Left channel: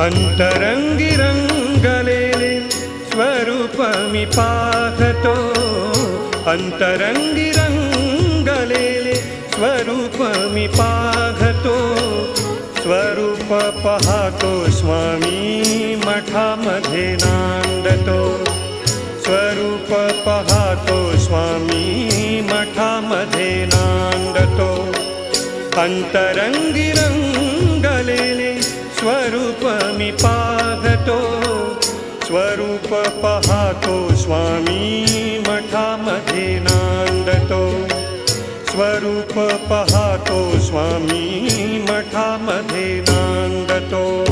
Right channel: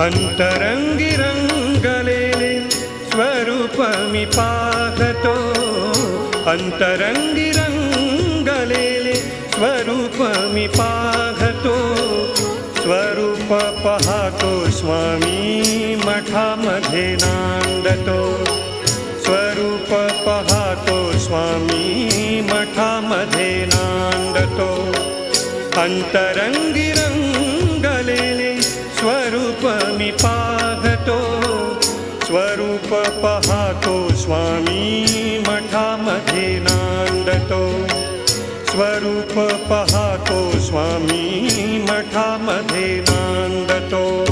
अंतरंगी रंगलेले स्वरूप मी पाहतो, अंतरंगी रंगलेले स्वरूप मी पाहतो. स्वरूप पाहतो स्वामी मठामध्ये नांदतो, स्वरूप पाहतो स्वामी मठामध्ये नांदतो. अंतरंगी रंगलेले स्वरूप मी पाहतो, स्वरूप पाहतो स्वामी मठामध्ये नांदतो. स्वरूप पाहतो स्वामी मठामध्ये नांदतो.